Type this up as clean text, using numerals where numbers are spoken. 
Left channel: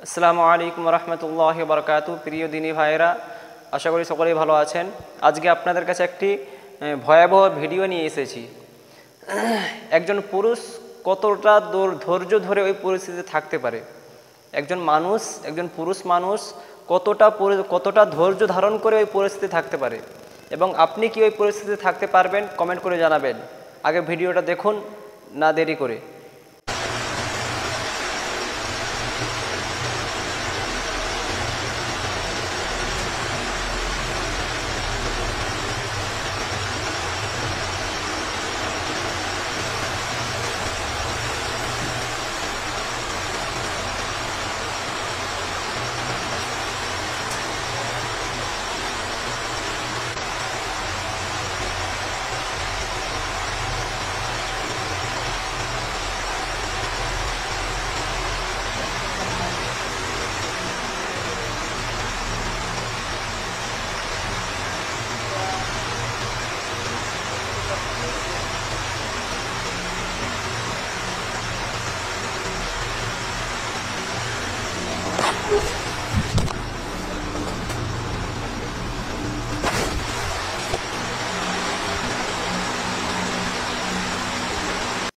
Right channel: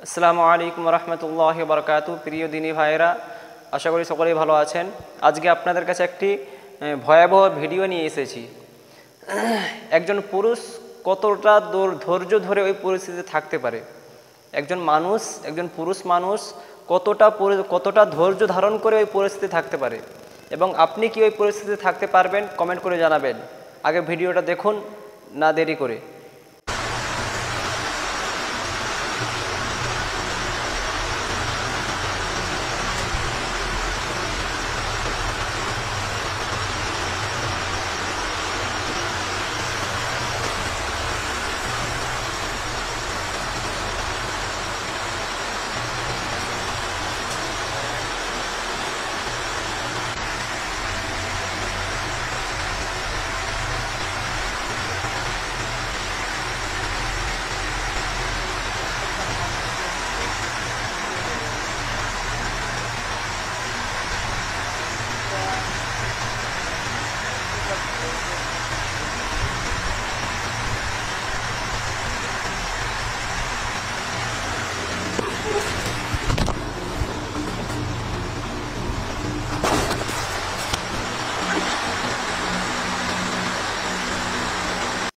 আসসালামু আলাইকুম রহমতুল্লাহি ওয়া বারাকাতুহু। প্রিয় দিনী ভাইয়েরা, আশা করি সকলেই ভালো আছেন। আজকে আপনাদের কাছে একটি ভয়াবহ ভিডিও নিয়ে এসেছি। একজন পুরুষ কতটা ধৈর্য ধরে ওই পরিস্থিতিতে থাকতে পারে, একজন পুরুষ মানুষ কতটা ধৈর্য ধারণ করে ওই পরিস্থিতিতে থাকতে পারে, এবং আপনি কি ওই পরিস্থিতিতে থাকতে পারবেন কমেন্ট করে জানাবেন। আগে ভিডিওটা দেখুন, না দেরি করে।